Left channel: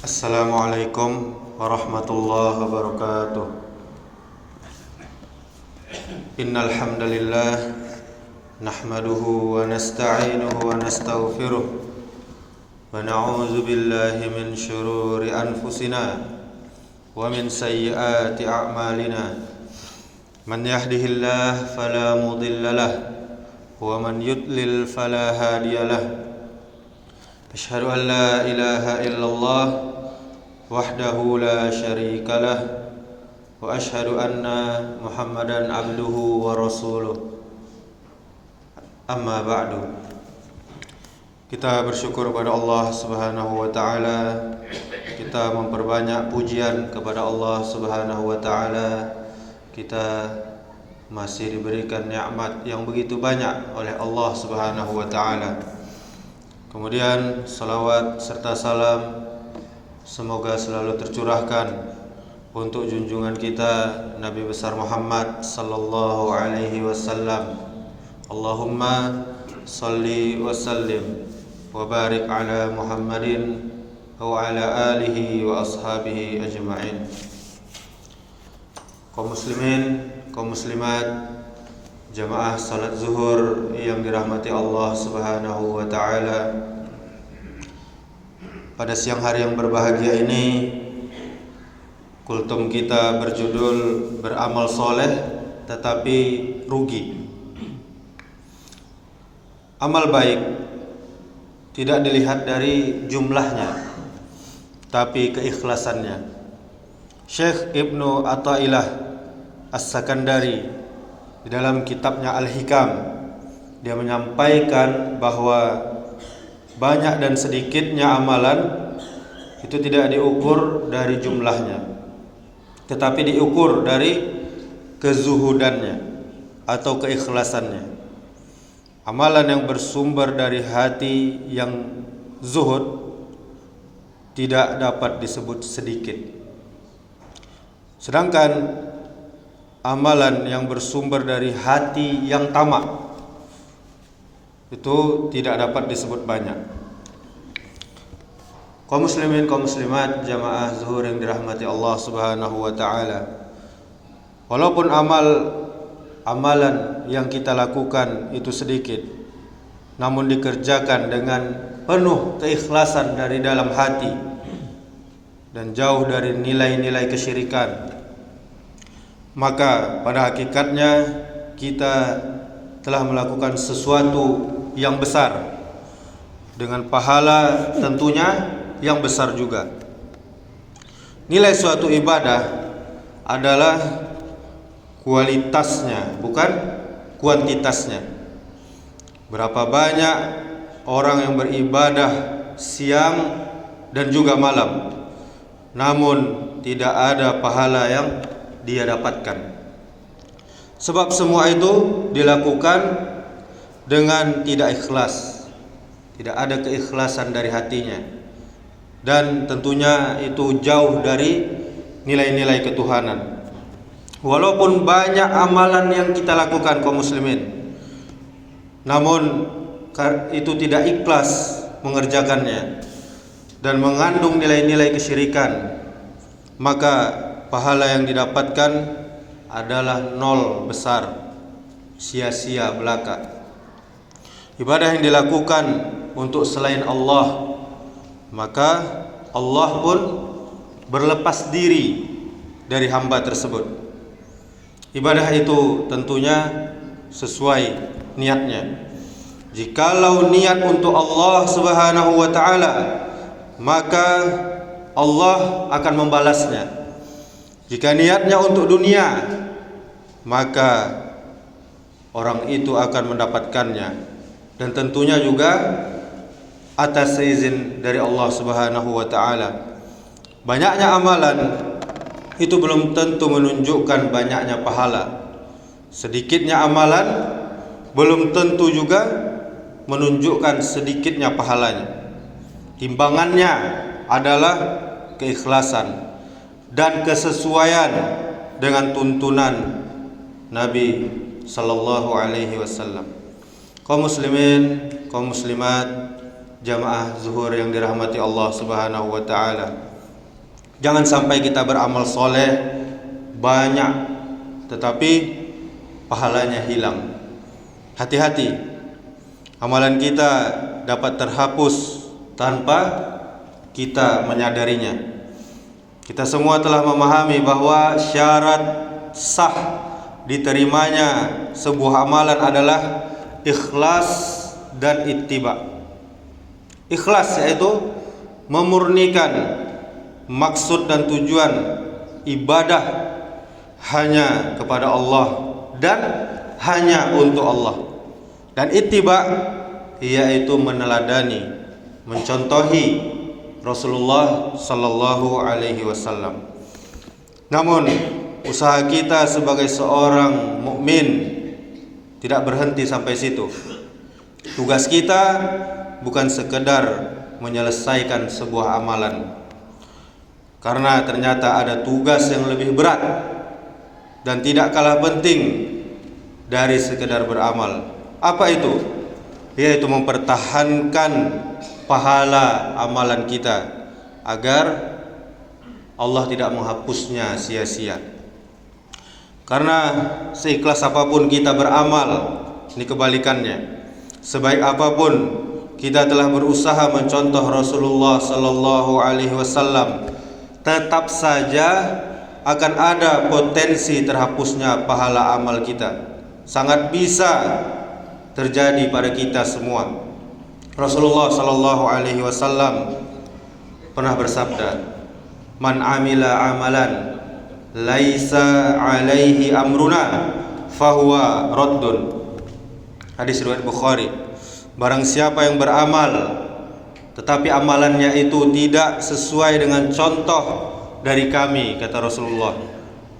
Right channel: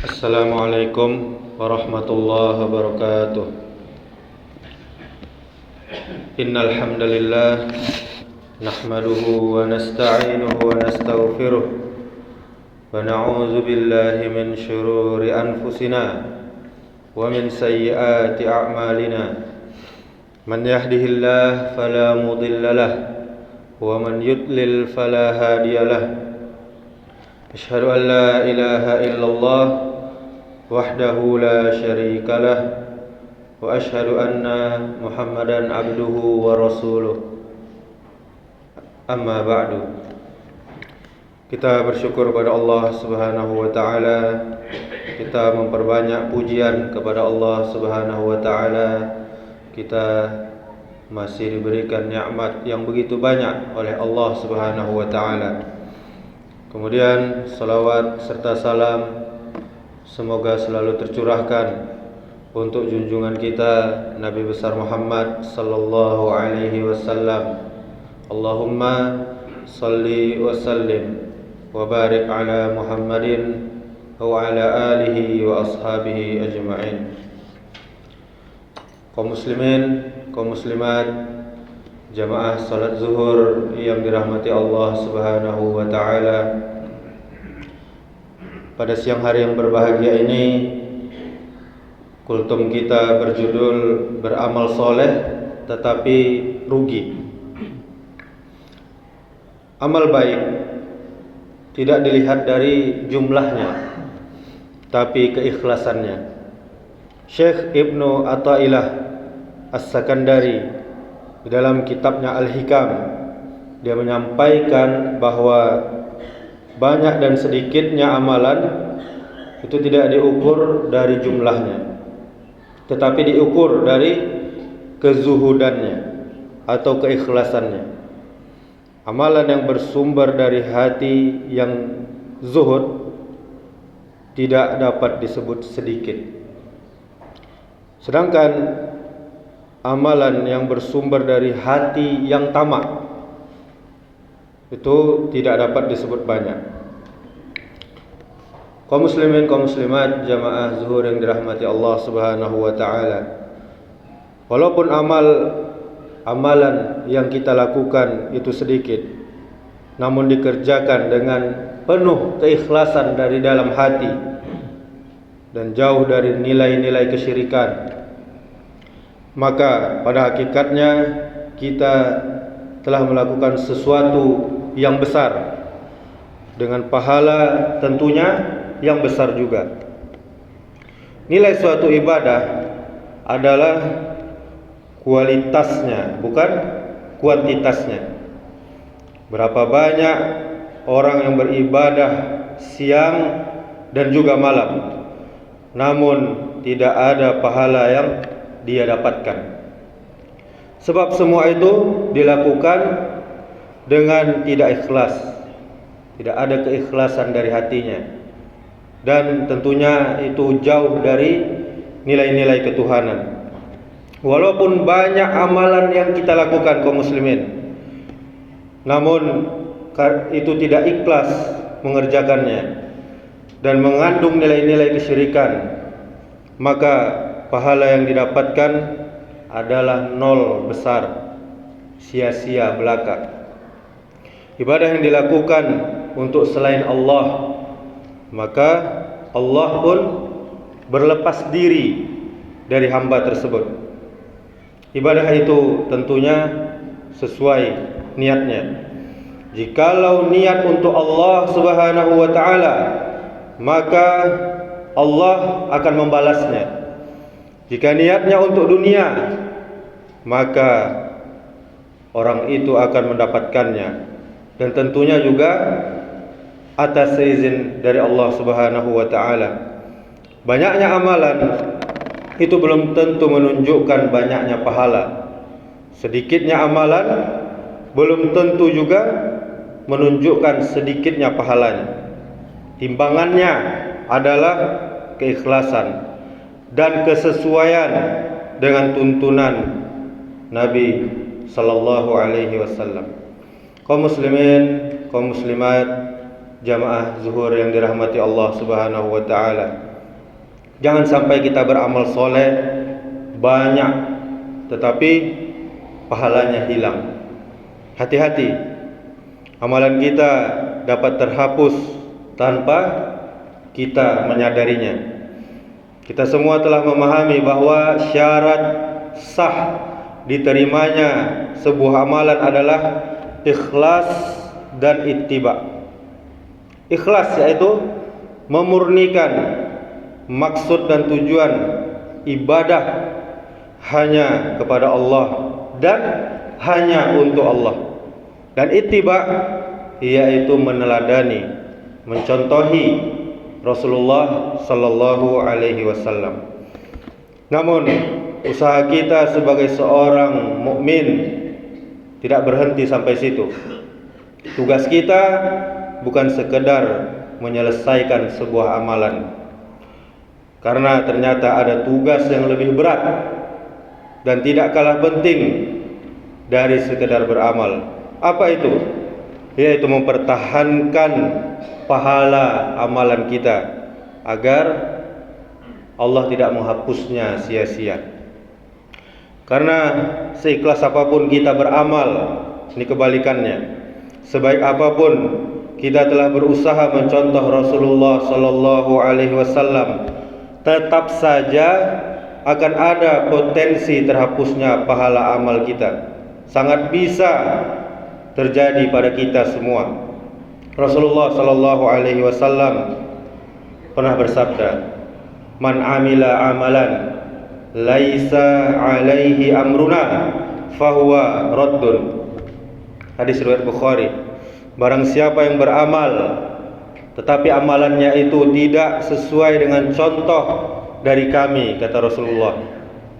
Assalamualaikum warahmatullahi wabarakatuh. Innal hamdalillah nahmaduhu wa nasta'inuhu wa nastaghfiruh wa na'udzu billahi min shururi anfusina wa min sayyiati a'malina. Man yahdihillahu fala mudilla lahu wa man yudlil fala hadiya lahu. Asyhadu an la ilaha illallah wahdahu la syarika lah wa asyhadu anna Muhammadan abduhu wa rasuluh. Amma ba'du. Kita bersyukur kepada Allah Subhanahu wa taala. Kita memperbanyak pujian kepada Allah Subhanahu wa taala. Kita masih diberikan nikmat yang begitu banyak oleh Allah Subhanahu wa taala. Kemudian salawat serta salam semoga selalu tercurahkan untuk junjungan kita Nabi besar Muhammad sallallahu alaihi wasallam. Allahumma salli wa sallim wa barik ala Muhammadin wa ala alihi wa ashabihi ajma'in. Kaum muslimin, kaum muslimat, jamaah salat zuhur yang dirahmati Allah Subhanahu wa taala. Pada siang hari yang berbahagia ini, kultum kita berjudul beramal soleh tetapi rugi. Amal baik tidak dilihat dari jumlahnya, tapi keikhlasannya. Syekh Ibnu Athaillah As-Sakandari di dalam kitabnya Al-Hikam, dia menyampaikan bahwa banyak dan sedikitnya amalan itu tidak diukur dari jumlahnya, tetapi diukur dari kezuhudannya atau keikhlasannya. Amalan yang bersumber dari hati yang zuhud tidak dapat disebut sedikit. Sedangkan amalan yang bersumber dari hati yang tamak itu tidak dapat disebut banyak. Kaum muslimin, kaum muslimat, jamaah zuhur yang dirahmati Allah Subhanahu wa taala. Walaupun amalan yang kita lakukan itu sedikit, namun dikerjakan dengan penuh keikhlasan dari dalam hati dan jauh dari nilai-nilai kesyirikan, maka pada hakikatnya kita telah melakukan sesuatu yang besar dengan pahala tentunya yang besar juga. Nilai suatu ibadah adalah kualitasnya, bukan kuantitasnya. Berapa banyak orang yang beribadah siang dan juga malam, namun tidak ada pahala yang dia dapatkan. Sebab semua itu dilakukan dengan tidak ikhlas. Tidak ada keikhlasan dari hatinya. Dan tentunya itu jauh dari nilai-nilai ketuhanan. Walaupun banyak amalan yang kita lakukan kaum muslimin, namun itu tidak ikhlas mengerjakannya dan mengandung nilai-nilai kesyirikan, maka pahala yang didapatkan adalah nol besar, sia-sia belaka. Ibadah yang dilakukan untuk selain Allah, maka Allah pun berlepas diri dari hamba tersebut. Ibadah itu tentunya sesuai niatnya. Jikalau niat untuk Allah Subhanahu wa taala, maka Allah akan membalasnya. Jika niatnya untuk dunia, maka orang itu akan mendapatkannya, dan tentunya juga atas izin dari Allah Subhanahu wa taala. Banyaknya amalan itu belum tentu menunjukkan banyaknya pahala. Sedikitnya amalan belum tentu juga menunjukkan sedikitnya pahalanya. Timbangannya adalah keikhlasan dan kesesuaian dengan tuntunan Nabi sallallahu alaihi wasallam. Kaum muslimin, kaum muslimat, jamaah zuhur yang dirahmati Allah Subhanahu wa taala. Jangan sampai kita beramal soleh banyak tetapi pahalanya hilang. Hati-hati, amalan kita dapat terhapus tanpa kita menyadarinya. Kita semua telah memahami bahwa syarat sah diterimanya sebuah amalan adalah ikhlas dan ittiba. Ikhlas yaitu memurnikan maksud dan tujuan ibadah hanya kepada Allah dan hanya untuk Allah. Dan ittiba yaitu meneladani, mencontohi Rasulullah sallallahu alaihi wasallam. Namun usaha kita sebagai seorang mukmin tidak berhenti sampai situ. Tugas kita bukan sekedar menyelesaikan sebuah amalan, karena ternyata ada tugas yang lebih berat dan tidak kalah penting dari sekedar beramal. Apa itu? Yaitu mempertahankan pahala amalan kita agar Allah tidak menghapusnya sia-sia. Karena seikhlas apapun kita beramal, ini kebalikannya. Sebaik apapun kita telah berusaha mencontoh Rasulullah sallallahu alaihi wasallam, tetap saja akan ada potensi terhapusnya pahala amal kita. Sangat bisa terjadi pada kita semua. Rasulullah sallallahu alaihi wasallam pernah bersabda, "Man amila amalan laisa alaihi amruna fahuwa raddun." Hadis riwayat Bukhari. Barang siapa yang beramal tetapi amalannya itu tidak sesuai dengan contoh dari kami, kata Rasulullah,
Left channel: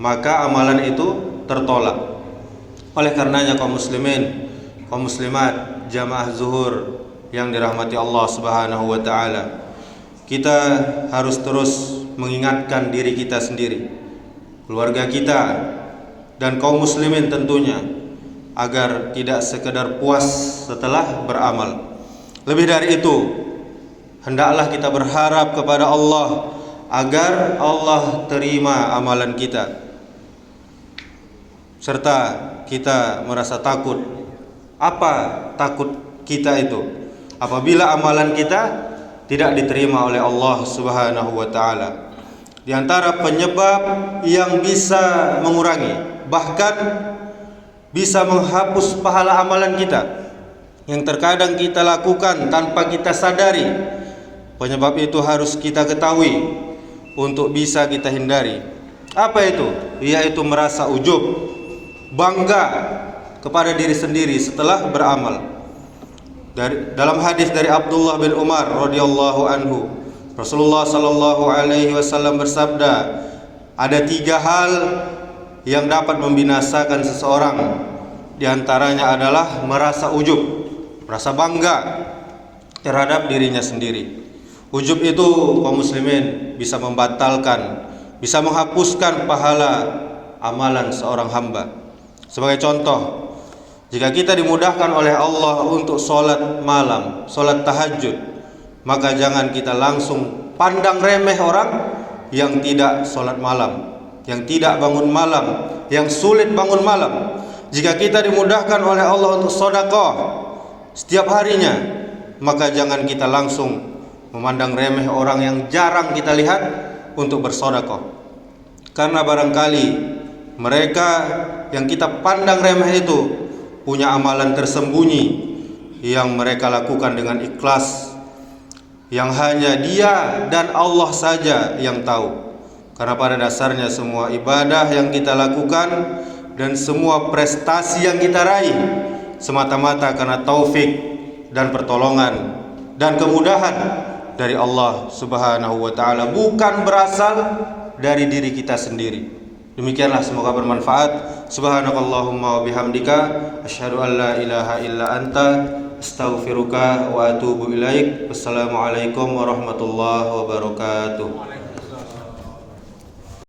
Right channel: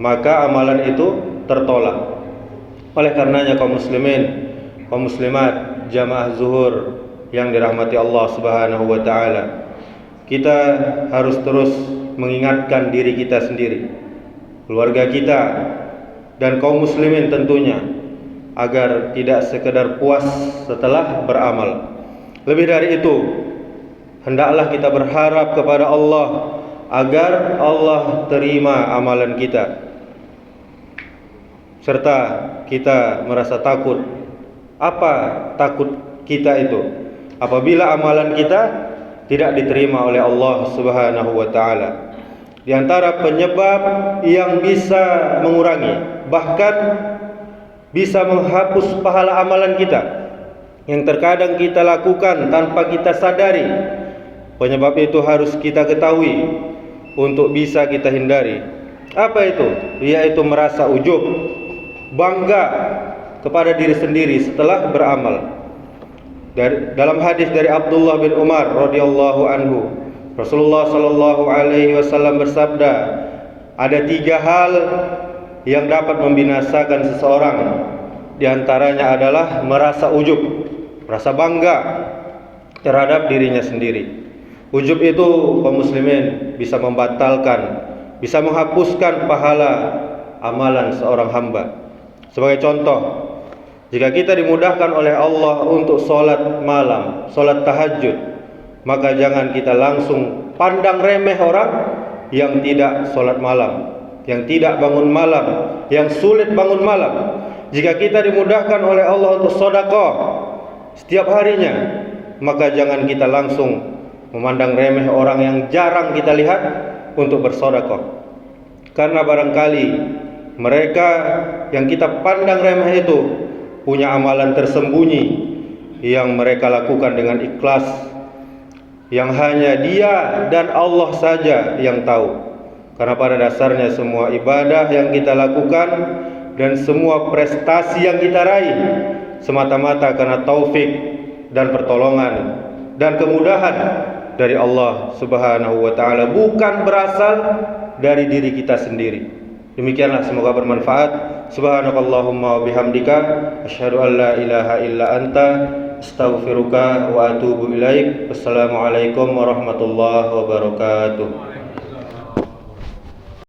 maka amalan itu tertolak. Oleh karenanya kaum muslimin, kaum muslimat, jamaah zuhur yang dirahmati Allah Subhanahu wa taala, kita harus terus mengingatkan diri kita sendiri, keluarga kita, dan kaum muslimin tentunya, agar tidak sekedar puas setelah beramal. Lebih dari itu, hendaklah kita berharap kepada Allah agar Allah terima amalan kita, serta kita merasa takut. Apa takut kita itu? Apabila amalan kita tidak diterima oleh Allah Subhanahu wa taala. Di antara penyebab yang bisa mengurangi, bahkan bisa menghapus pahala amalan kita yang terkadang kita lakukan tanpa kita sadari. Penyebab itu harus kita ketahui untuk bisa kita hindari. Apa itu? Yaitu merasa ujub, bangga kepada diri sendiri setelah beramal. Dalam hadis dari Abdullah bin Umar radhiyallahu anhu, Rasulullah sallallahu alaihi wasallam bersabda, ada 3 hal yang dapat membinasakan seseorang. Di antaranya adalah merasa ujub, merasa bangga terhadap dirinya sendiri. Ujub itu kaum muslimin bisa membatalkan, bisa menghapuskan pahala amalan seorang hamba. Sebagai contoh, jika kita dimudahkan oleh Allah untuk sholat malam, sholat tahajud, maka jangan kita langsung pandang remeh orang yang tidak sholat malam, yang tidak bangun malam, yang sulit bangun malam. Jika kita dimudahkan oleh Allah untuk sedekah setiap harinya, maka jangan kita langsung memandang remeh orang yang jarang kita lihat untuk bersedekah. Karena barangkali mereka yang kita pandang remeh itu punya amalan tersembunyi yang mereka lakukan dengan ikhlas, yang hanya dia dan Allah saja yang tahu. Karena pada dasarnya semua ibadah yang kita lakukan dan semua prestasi yang kita raih semata-mata karena taufik dan pertolongan dan kemudahan dari Allah Subhanahu wa taala, bukan berasal dari diri kita sendiri. Demikianlah, semoga bermanfaat. Subhanakallahumma wa bihamdika asyhadu an la ilaha illa anta astaghfiruka wa atubu ilaik. Wassalamualaikum warahmatullahi wabarakatuh.